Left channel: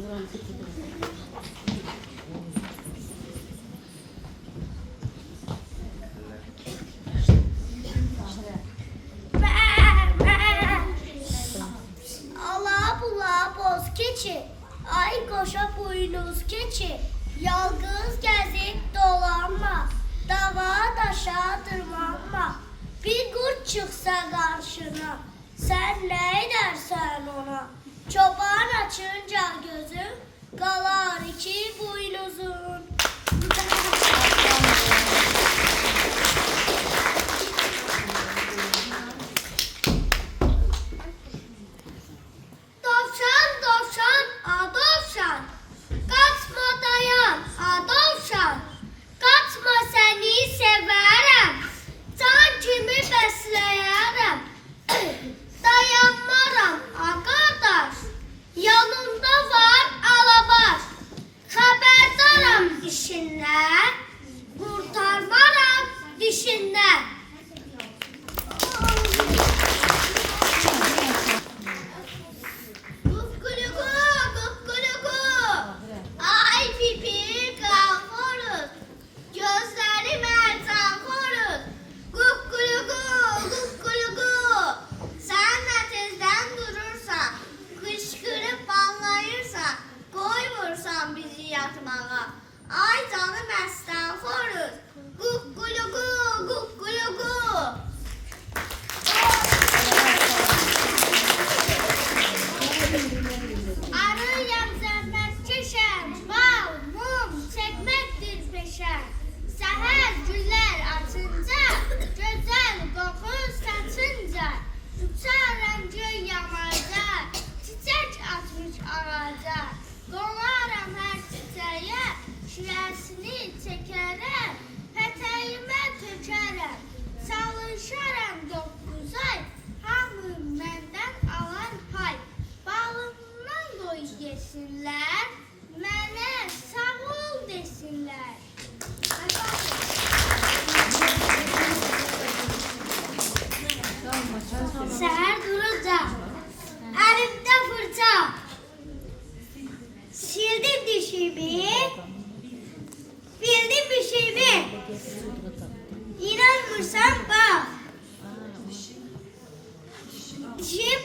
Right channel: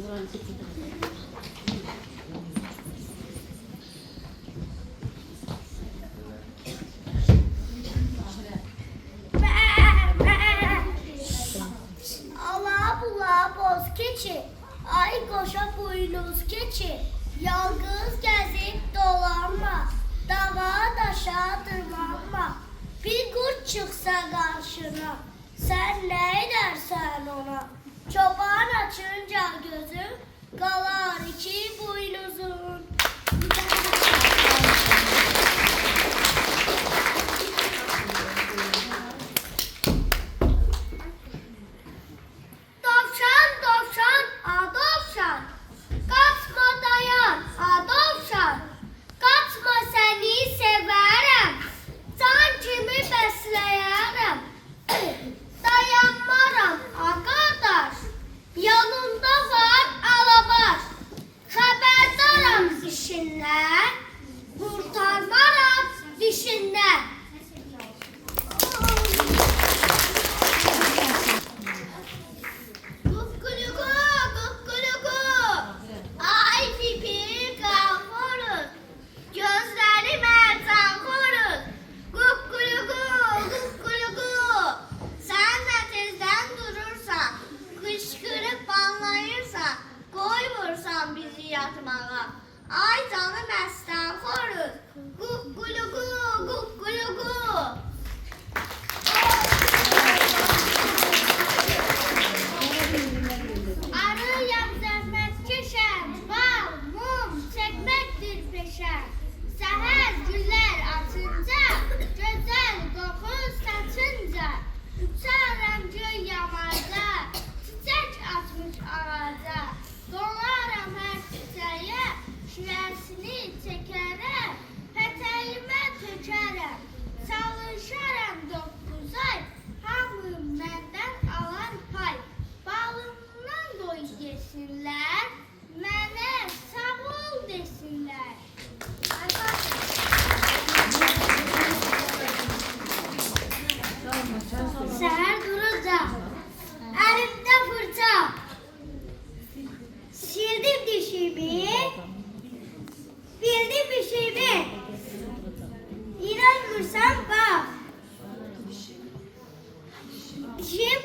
Ala bula boz keçi, ay koşa boynuz keçi, yalnız gezip dolanma, dava daşa tırmanma. Bir kurt çıksa karşına, sen ne edersen ona. Çoban açınca gözü, kalar iki boynuzun. Dovşan, dovşan, a dovşan, kaçma dayan, a dovşan, kaçma seni severim, can kimi besleyerem, dayanmaram a kardeş, yanımda var alabaş, haberdaram işinden, kurtarmaram dişinden. Kukkuluku, kukkuluku, ay pipi kalkırız, gözleri mercan koruz. Kukkuluku, kukkuluku, sen de tezden durursan, kışkırıp banlayırsan, koymursan bizi yatmağa. Ay canım esten koruz. Kukkuluku, kukkuluku. Arıyam zəhmətkeşəm, bal, mum çəkməkdir peşəm. Səhər güllər açınca, gözəl qoxu saçınca, uçaram göy yamaca, çiçək açmış ağaca. Qonaram hər çiçəyə, şirəsini çəkərəm, pətəyimə tökərəm. Çalışaram 9 ay, hamı məndən alar pay. Balımdan doy yesinlər, mənə sağ ol desinlər. Səhər durunca, əlimdə fırça, sildim dişimi, bildim işimi. İnanmırsan bak, dişim